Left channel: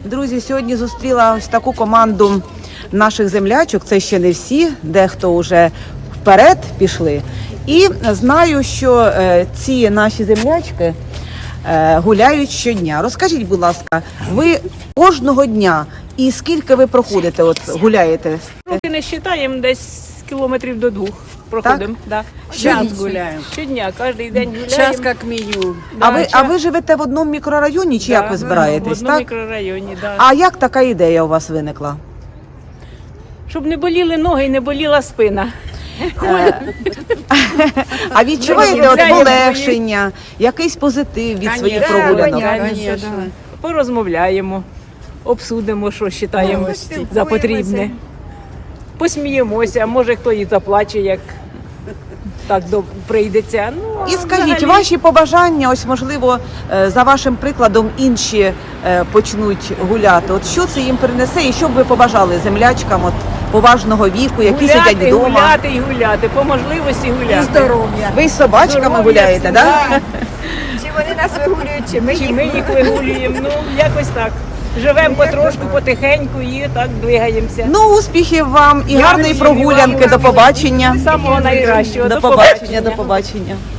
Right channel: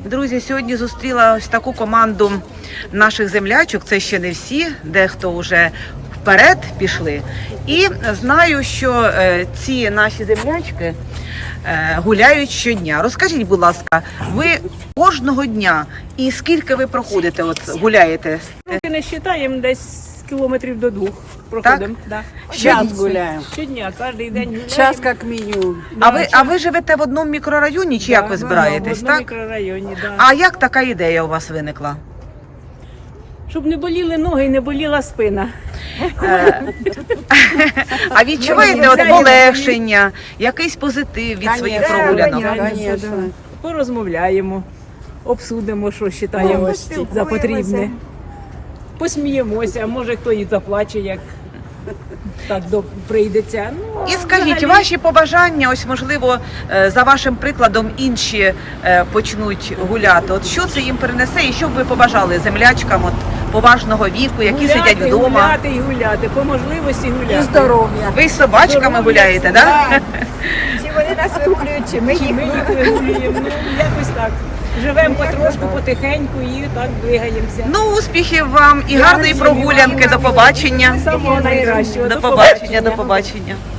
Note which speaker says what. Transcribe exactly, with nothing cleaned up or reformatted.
Speaker 1: Друзі, сьогодні зустріла ось таку команду наших землячок. Це ще не всі, дехто вже вперед пішли. І знаю, що е, ці наші землячки е, гуляють щодня. Розкажіть, будь ласка, ви кожного дня і скільки ви проходите, от гуляєте?
Speaker 2: Роки не вважаємо, десь кілометрів до двох проходимо. Да.
Speaker 1: Щодня?
Speaker 2: Щодня, кожен день гуляємо.
Speaker 3: Час як мінімум.
Speaker 1: А ви, а ви живете в одному мікрорайоні чи
Speaker 2: Да,
Speaker 1: як ви
Speaker 2: в
Speaker 1: збираєтесь?
Speaker 2: одному
Speaker 1: Так?
Speaker 2: мікрорайоні, да.
Speaker 1: А як така ідея у вас виникла?
Speaker 2: Щоб не боліли ноги і не боліла спина.
Speaker 1: Е, А відчуваєте от полегшення, якийсь позитив від своїх прогулянок?
Speaker 3: Конечно.
Speaker 2: Порозмовляємо, обсудимо, що вважаємо за потрібне. Посміємося, може хто і заплаче, як так до- прийдеться. Ну, а
Speaker 1: І скажіть,
Speaker 2: взагалі-
Speaker 1: ваші побажання, ось можливо, е, за вашим прикладом інші е, почнуть гуляти. От що це їм принесе і що б ви побажали землячкам от поважного віку, які
Speaker 2: гуляти,
Speaker 1: сидять вдома?
Speaker 2: гуляти і гуляти, по можливості гуляти.
Speaker 3: Здоров'я.
Speaker 1: Ви з собачками
Speaker 2: Здоров'я
Speaker 1: гуляєте,
Speaker 2: всі,
Speaker 1: так?
Speaker 4: Чи вони нас вигулюють, чи ми
Speaker 2: Чи
Speaker 4: їх
Speaker 2: ми їх вигулюємо, ну якось так. Живемо потрошку, потихеньку і так двигаємося.
Speaker 1: Ну, успіхів вам і гарної
Speaker 2: Дякую,
Speaker 1: прогулянки.
Speaker 2: вам.
Speaker 1: До побачення.
Speaker 2: Самого найкращого.
Speaker 1: До побачення, до побачення.